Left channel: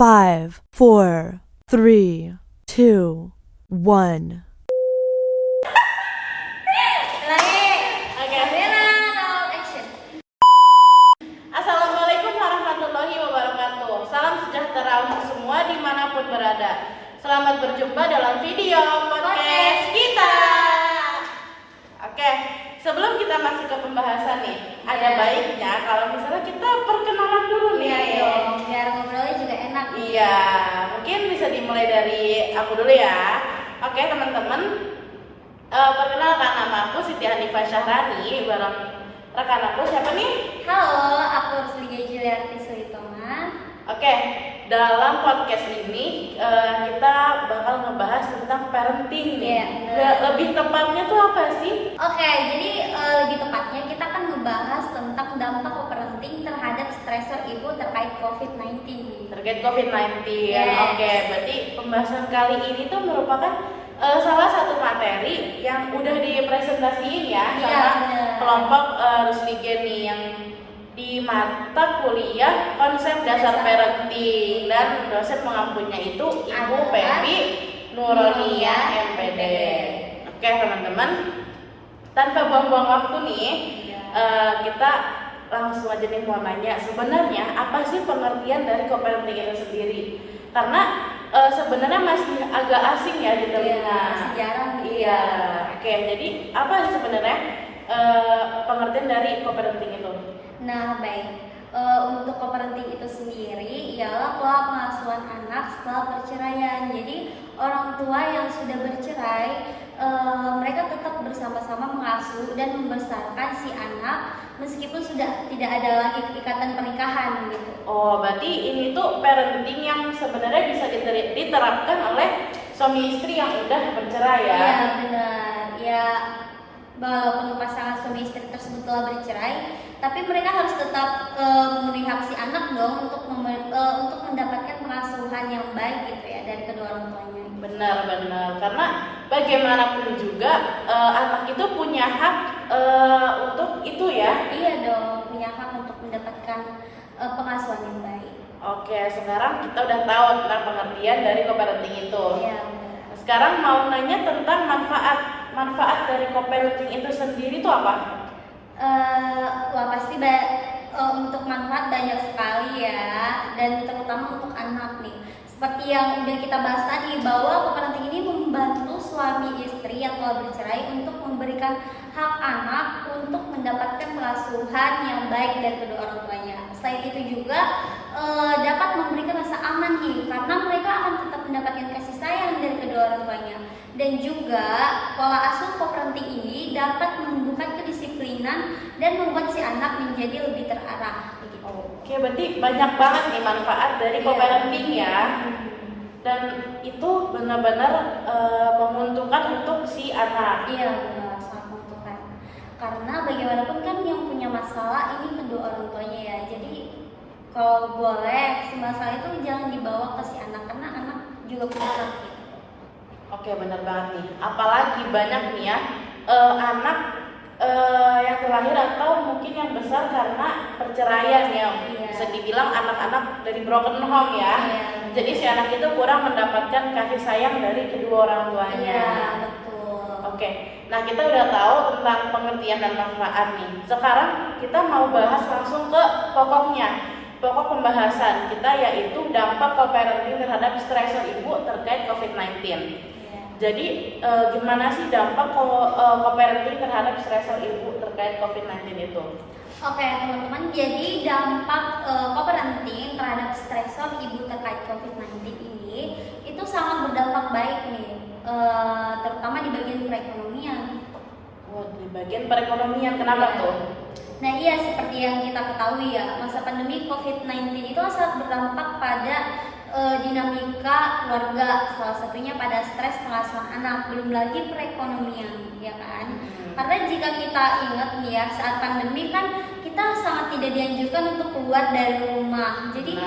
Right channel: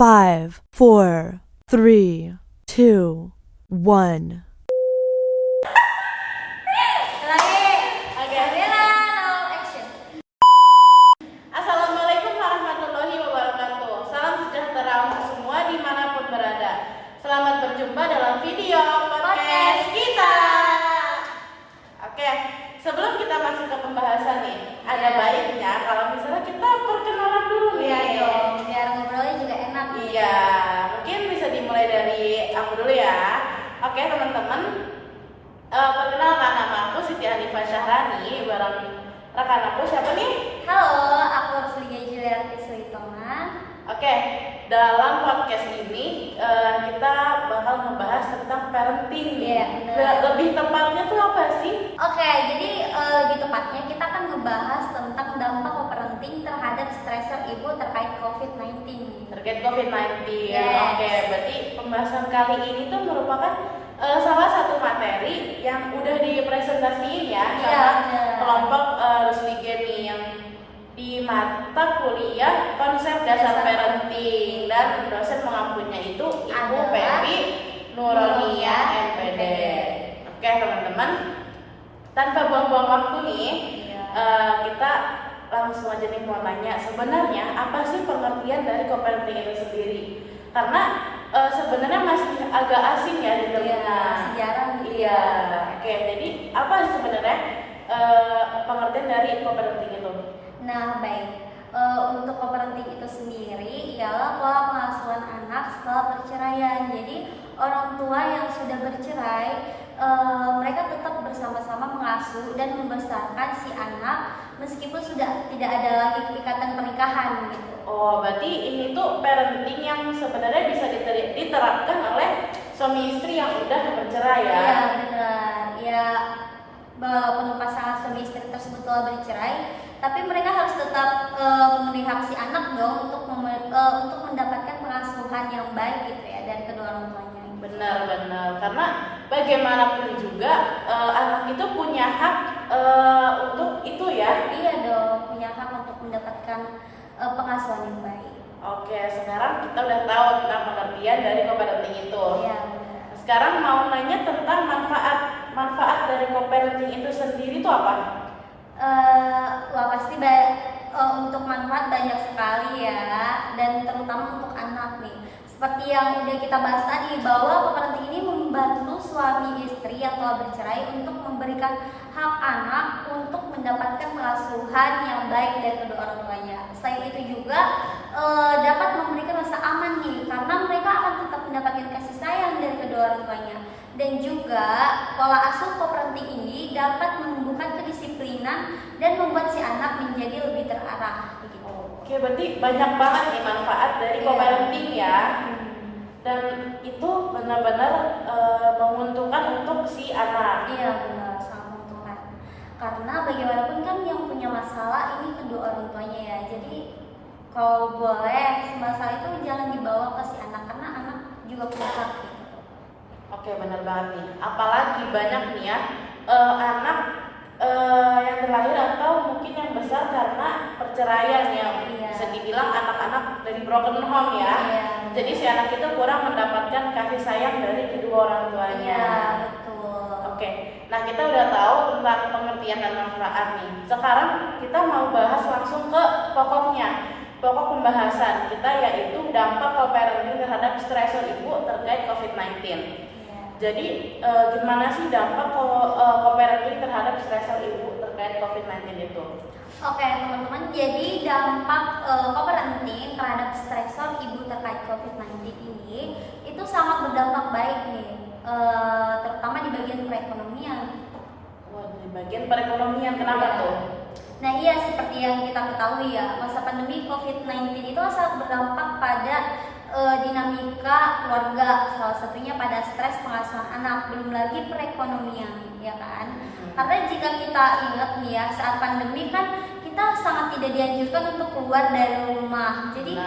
5, 4, 3, 2, 1. Assalamualaikum warahmatullahi wabarakatuh. Salam sejahtera untuk semua dimanapun berada. Selamat berjumpa dalam video podcast kita. Oke, sebelum kita masuk ke pembahasan nih, ada baiknya kalau misalnya kita perkenalan dulu nih. Biar ngobrolnya juga enak. Iya, mungkin bisa dimulai dari aku dulu ya. Oke teman-teman, perkenalkan nama aku Siti Hanifah Syahrani bareng rekan aku siapa nih? Halo, aku Ruslia Juliarti Sulitoma. Oke, dalam podcast ini kita bakal ngebahas tentang parenting nih. Lebih tepatnya tuh apa sih? Oke, jadi lebih tepatnya kita akan membahas tentang dampak parenting terhadap stresor ibu terkait COVID-19. Terkait COVID-19. Yes. Oke, berarti pembahasan kali ini tuh merupakan salah satu materi yang udah dipresentasiin ya sama kelompok Rusligen nih yang di mata kuliah konsep dasar parenting, dan dosen mengampunya itu Ibu Pepi Nuronia MPD. Oke teman-teman, tanpa buang-buang waktu nih, kita langsung aja nih mau nanya, sebenarnya apa sih pengertian dari co-parenting itu sendiri? Karena sebenarnya masih agak asing ya di telinga. Masih jarang. Iya. Oke, jadi apa sih sebenarnya pengertian dari co-parenting itu? Nah, baik. Untuk co-parenting itu sendiri ialah pola pengasuhan anak setelah perceraian. Jadi orang tua yang sudah bercerai, mereka tetap bersama-sama mengasuh dan membesarkan si anak meskipun sudah tidak ada lagi ikatan pernikahan gitu. Oh, berarti ini tuh parenting yang sebenarnya bisa diterapkan oleh suami istri yang udah bercerai ya? Iya benar. Ya, walaupun pasangan suami istri tersebut telah bercerai, tapi mereka harus tetap memenuhi hak si anak dong untuk mendapatkan pengasuhan yang baik gitu ya dari kedua orang tuanya. Benar, karena bagaimanapun juga anak itu punya hak untuk itu ya. Iya dong, punya hak untuk mendapatkan pengasuhan yang baik. Oke, sekarang kita udah tahu tentang pengertian dari co-parenting itu. Iya. Sekarang mau nanya tentang manfaat dari co-parenting itu sendiri itu apa? Wah pasti untuk manfaat banyak sekali ya, dan terutama untuk anak nih. Seperti yang udah kita bahas tadi, bahwa co-parenting ini membantu suami istri yang telah bercerai untuk memberikan hak anak untuk mendapatkan pengasuhan yang baik dari kedua orang tuanya. Selain itu juga dapat memberikan rasa aman nih, karena mereka akan tetap mendapatkan kasih sayang dari kedua orang tuanya. Dan juga pola asuh co-parenting ini dapat menumbuhkan kedisiplinan dan membuat si anak menjadi lebih terarah. Oke, berarti banyak banget nih manfaat dari co-parenting ya. Dan itu benar-benar menguntungkan untuk si anak. Iya benar, sangat menguntungkan. Karena bagaimanapun kan yang punya masalah ini kedua orang tuanya ya. Jadi kalau boleh si masalah itu jangan dibawa ke si anak, karena anak juga punya hak gitu. Oke, benar banget nih. Apalagi banyak nih ya anak yang terlahir atau mungkin yang besar karena perceraian ya. Bisa dibilang anak-anak dari broken home ya. Jadi si anak itu kurang mendapatkan kasih sayang dari kedua orang tuanya. Iya, betul. Oke, nah kita udah tahu tentang pengertian dan manfaat nih. Sekarang kita mau bahas langsung ke pokoknya. Pokok pembahasan kita yaitu dampak co-parenting terhadap stresor ibu terkait COVID-19. Jadi gimana sih dampak co-parenting terhadap stresor ibu terkait COVID-19 itu? Oke teman-teman, jadi dampak co-parenting terhadap stresor ibu terkait COVID-19 ini itu sangat berdampak baik nih, terutama di bagian perekonomian. Wah, di bagian perekonomian, kenapa tuh? Nah iya, seperti yang kita ketahui ya, masa pandemi COVID-19 itu sangat berdampak pada dinamika keluarga, salah satunya pada stres pengasuhan anak, belum lagi perekonomian, ya kan? Karena jika kita ingat nih ya, saat pandemi kan kita sangat tidak dianjurkan untuk keluar dari rumah. Jadi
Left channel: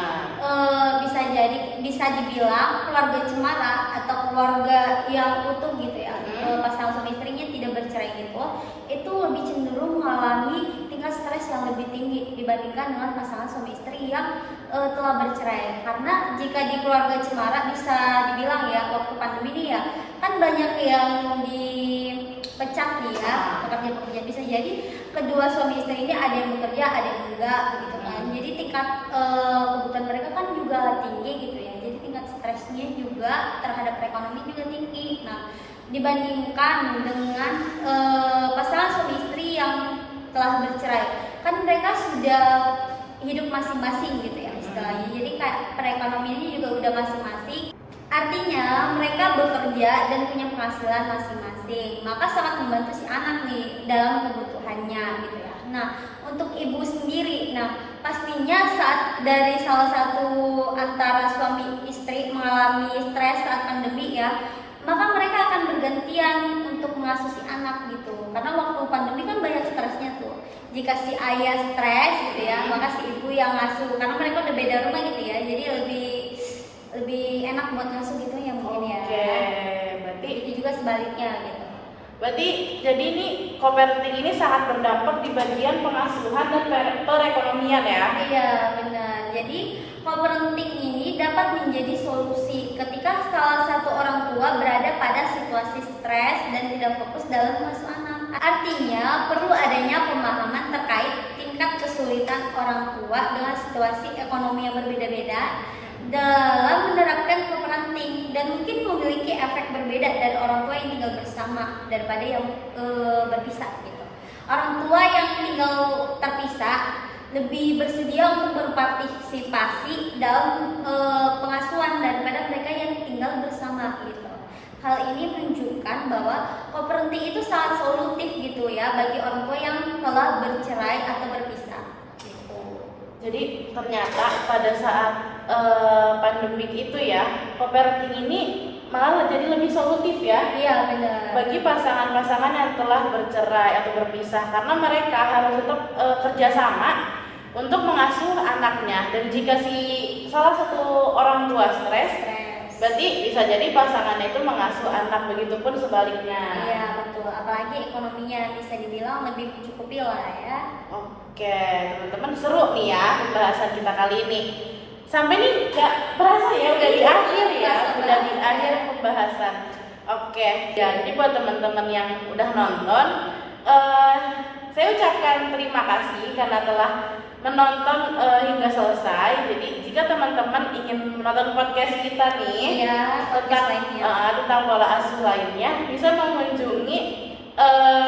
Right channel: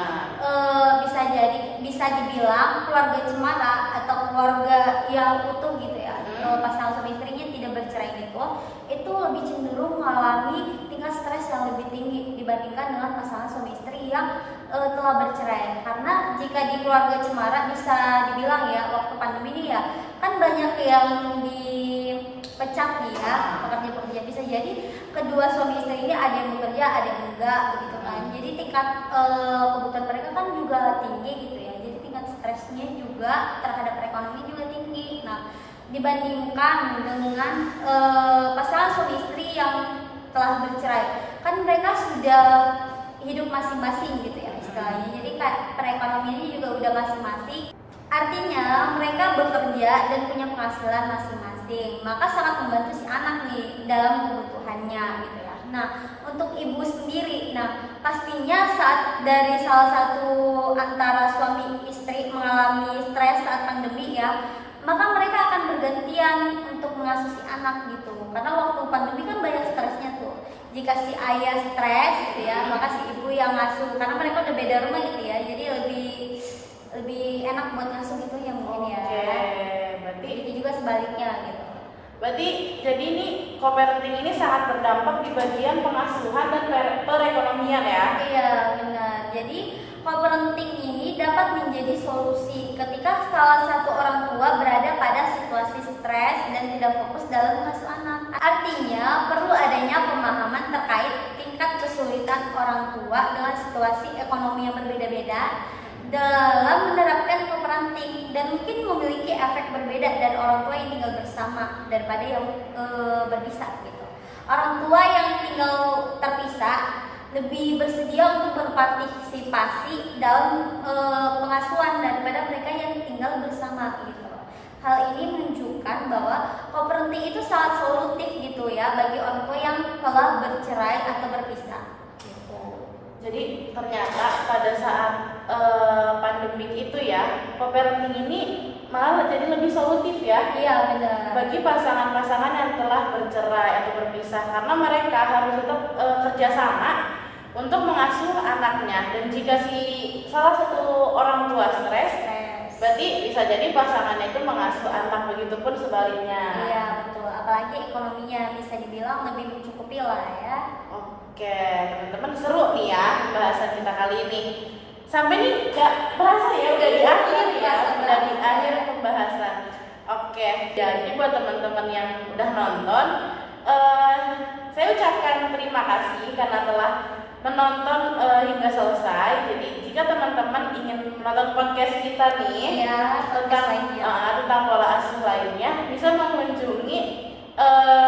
bisa dibilang keluarga cemara atau keluarga yang utuh gitu ya, pasangan suami istrinya tidak bercerai itu lebih cenderung mengalami tingkat stres yang lebih tinggi dibandingkan dengan pasangan suami istri yang telah bercerai. Karena jika di keluarga cemara bisa dibilang ya, waktu pandemi ini ya kan banyak yang dipecah nih ya, pekerja-pekerja. Bisa jadi kedua suami istri ini ada yang bekerja, ada yang enggak gitu kan. Jadi tingkat kebutuhan mereka kan juga tinggi gitu ya. Jadi tingkat stresnya juga terhadap perekonomian juga tinggi. Nah, dibandingkan dengan pasangan suami istri yang telah bercerai, kan mereka sudah hidup masing-masing gitu ya istilahnya. Jadi kayak perekonomiannya juga udah masing-masing. Artinya mereka bekerja dan punya penghasilan masing-masing, maka sangat membantu si anak nih dalam kebutuhannya gitu ya. Nah, untuk ibu sendiri, pastinya saat dari salah satu antara suami istri mengalami stres saat pandemi ya, maka mereka akan bergantian untuk mengasuh si anak gitu. Karena waktu pandemi kan banyak stresnya tuh. Jika si ayah stres gitu ya, maka si ibu yang ngasuh. Karena mereka udah beda rumah gitu ya, jadi lebih enak buat ngasuh gitu ya mungkin ya. Oke, berarti itu juga sebaliknya gitu. Berarti jadi ini co-parenting ini sangat berdampak di bagian pengasuhan dan perekonomian ya. Iya benar. Jadi co-parenting ini dapat menjadi solusi ketika salah satu orang tua berada pada situasi stres dan tidak fokus dalam mengasuh anak. Artinya perlu adanya pemahaman terkait tingkat kesulitan orang tua dengan situasi ekonomi yang berbeda-beda dalam menerapkan co-parenting, dan mungkin memiliki efek berbeda dari orang tua yang tinggal bersama daripada yang berpisah gitu. Orang tua yang tinggal terpisah lebih bersedia untuk berpartisipasi dalam pengasuhan daripada mereka yang tinggal bersama gitu. Hal ini menunjukkan bahwa co-parenting itu sangat solutif gitu ya bagi orang tua yang telah bercerai atau berpisah gitu. Jadi ternyata pada saat pandemik itu ya, co-parenting ini malah jadi lebih solutif ya. Iya benar. Bagi pasangan-pasangan yang telah bercerai atau berpisah, karena mereka harus tetap kerjasama untuk mengasuh anaknya. Dan jika si salah satu orang tua stres, berarti bisa jadi pasangannya itu mengasuh anak, begitupun sebaliknya. Iya betul. Apalagi ekonominya bisa dibilang lebih mencukupi lah ya. Oke teman-teman, seru nih ya pembahasan kita kali ini. Sampai nih gak berasa ya udah di akhir ya, udah di akhir pembahasan. Oke, ya, jadi buat teman-teman yang udah nonton, saya ucapkan terima kasih karena telah menonton hingga selesai. Jadi jika teman-teman ingin menonton podcast kita nih tentang pola asuh lainnya, bisa mengunjungi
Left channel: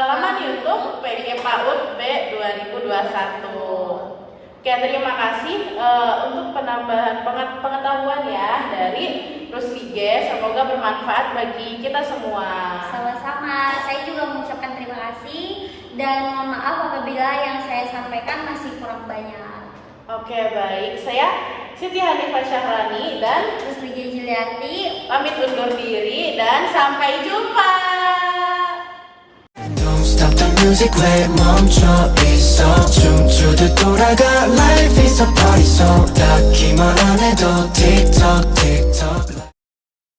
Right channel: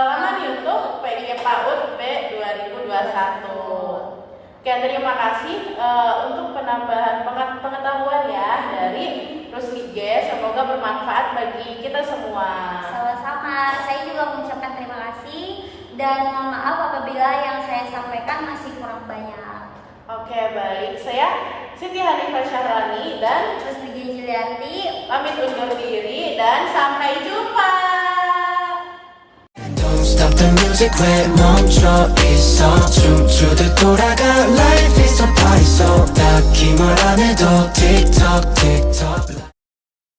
laman YouTube PG PAUD B 2021. Oke, terima kasih untuk penambahan pengetahuan ya dari Rusli G. Semoga bermanfaat bagi kita semua. Sama-sama, saya juga mengucapkan terima kasih dan mohon maaf apabila yang saya sampaikan masih kurang banyak. Oke, baik. Saya Siti Hanifah Syahrani dan Rusli G. Juliarti pamit undur diri dan sampai jumpa. Stop the music, 왜 멈춰 있어 춤추듯 돌아가 Life is a party so 딱히 뭘 안 해도 틱톡 틱톡